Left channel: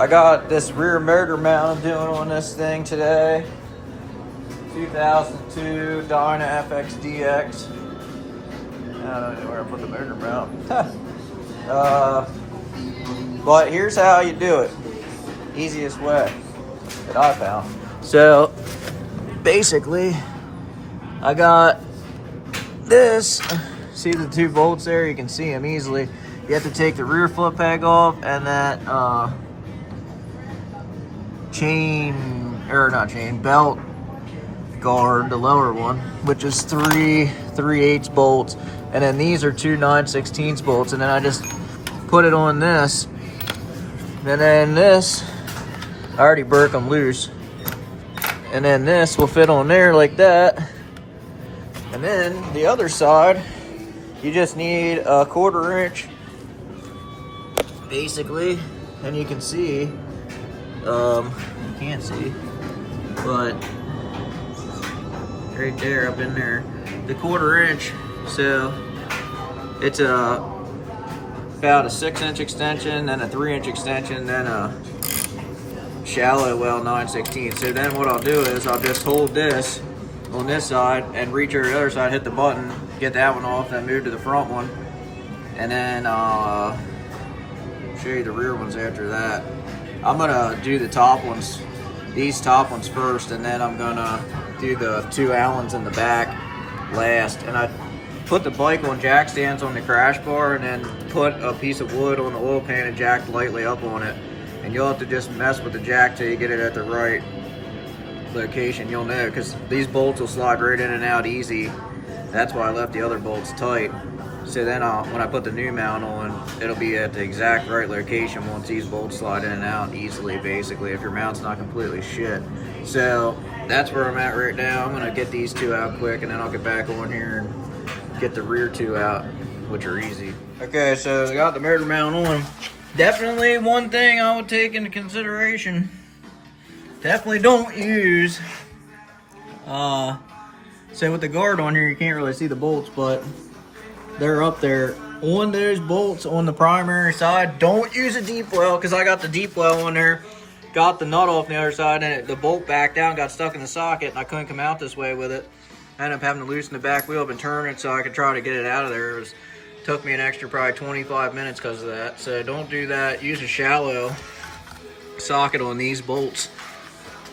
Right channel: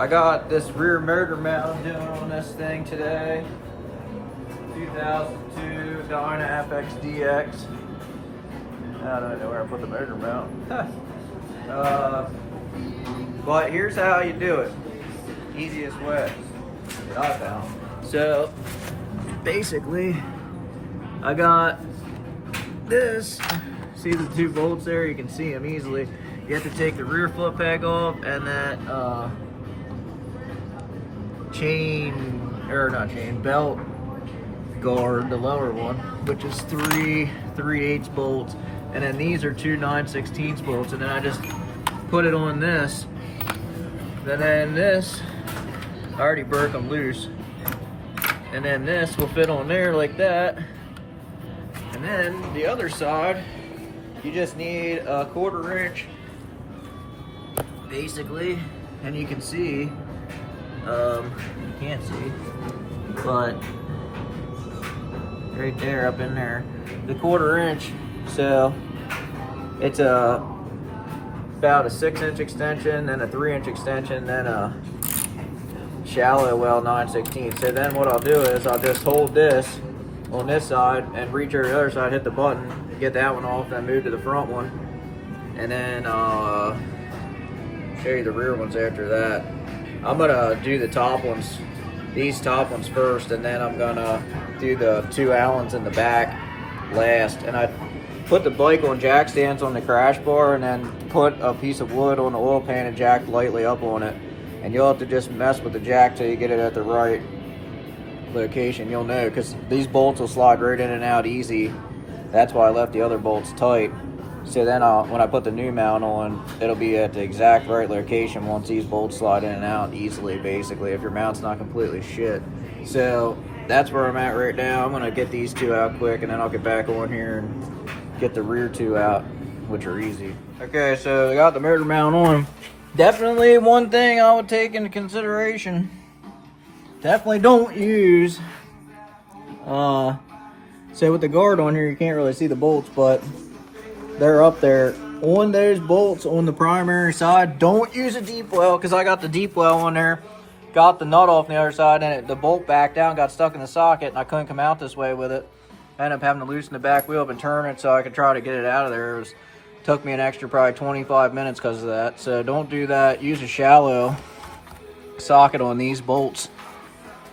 I got this rear motor mount I'm doing on this thing today. 2002 Dyna FXDX. I don't know where I put the motor mount. But here's how you do it. Easiest way that I found. So basically, I got this. See the two bolts there? You can see them easily. You have to take the rear foot peg off and that belt guard, the lower one, which is 3/8 bolts, and then these are 2 9/16 bolts, and then I just put it on this, and then this, I already broke them loose, and then this will fit on there like that, and then the other side, you just need a 1/4 inch, basically, and you can see, you can't see, but right there, up in there, the 1/4 inch. So it's about a 6-inch extension, then a 3-inch extension, then a shallow well 9/16. So then what I'll do is I'll just hold this on this side and reach over the other side, hit the button, get that one off, then move to the front one, and then I'll show you the rear ones after that. I'm gonna do the top ones, these top ones first, and then I'm gonna do the 2 Allens in the back last. And I put the bike on jack stands on the crash bar, and then put a piece of wood on the oil pan and jack lightly up on it. And you'll have to just mess with the jack till you get it at the right location. You'll know, because these bolts will slide right in and out easy. That's why I left the other bolts tight. So then when I put the new mount on, it'll be at the exact right location once these bolts slide in and out easily, basically, if your mount's not completely shit. So that's where I'm at right now. I'm gonna get these 2 out quick, and then I'll get back on here and get the rear 2 out, which are easy. Okay, so I got the motor mount on. Definitely one thing I would take into consideration. Definitely don't use, so with the guard on here, you can't really see the bolts, but they're up there. On those bolts on the primary side, don't use a deep well, because I got the deep well on there. Got the nut off the other side, and the bolt backed down, got stuck in the socket, and I couldn't come out this way with it. I ended up having to loosen the back wheel up and turn it so I could try to get it out of there. Took me an extra probably 25 minutes because of that. So don't do that. Use a shallow socket on these bolts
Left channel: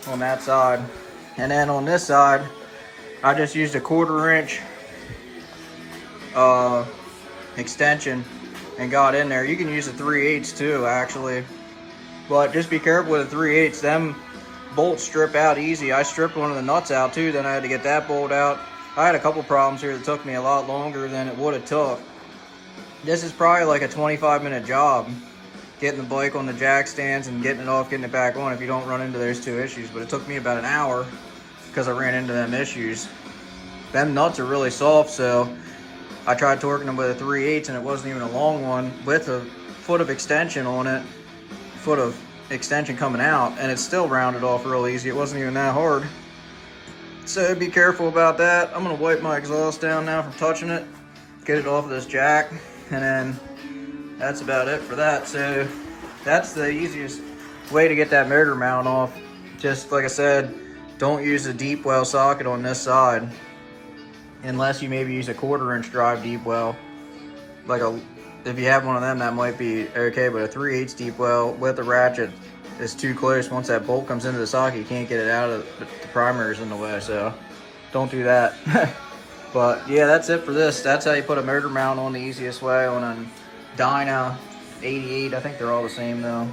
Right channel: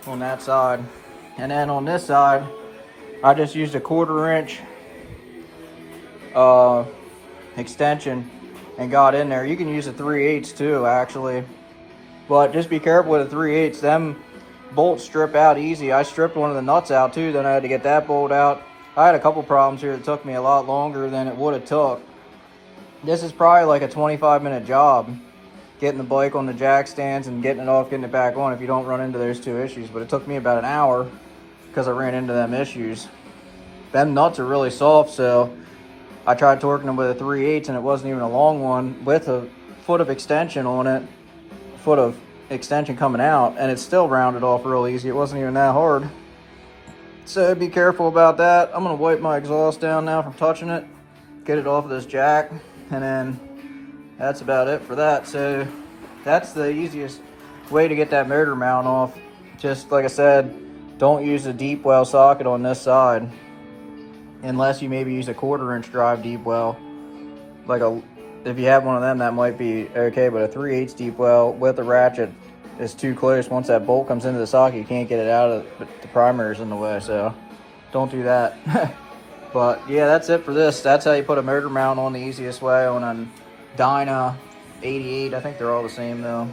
on that side. And then on this side, I just used a 1/4 inch extension and got in there. You can use a 3/8 too, actually. But just be careful with the 3/8. Them bolts strip out easy. I stripped one of the nuts out too, then I had to get that bolt out. I had a couple problems here that took me a lot longer than it would have took. This is probably like a 25-minute job, getting the bike on the jack stands and getting it off, getting it back on, if you don't run into those 2 issues. But it took me about an hour because I ran into them issues. Them nuts are really soft, so I tried torquing them with a 3/8, and it wasn't even a long one with a foot of extension on it, foot of extension coming out, and it still rounded off real easy. It wasn't even that hard. So be careful about that. I'm gonna wipe my exhaust down now from touching it, get it off of this jack, and then that's about it for that. So that's the easiest way to get that motor mount off. Just like I said, don't use a deep well socket on this side, unless you maybe use a 1/4 inch drive deep well. If you have one of them, that might be okay, but a 3/8 deep well with a ratchet is too close. Once that bolt comes into the socket, you can't get it out of the primary's in the way, so don't do that. But yeah, that's it for this. That's how you put a motor mount on the easiest way on a Dyna 88. I think they're all the same though.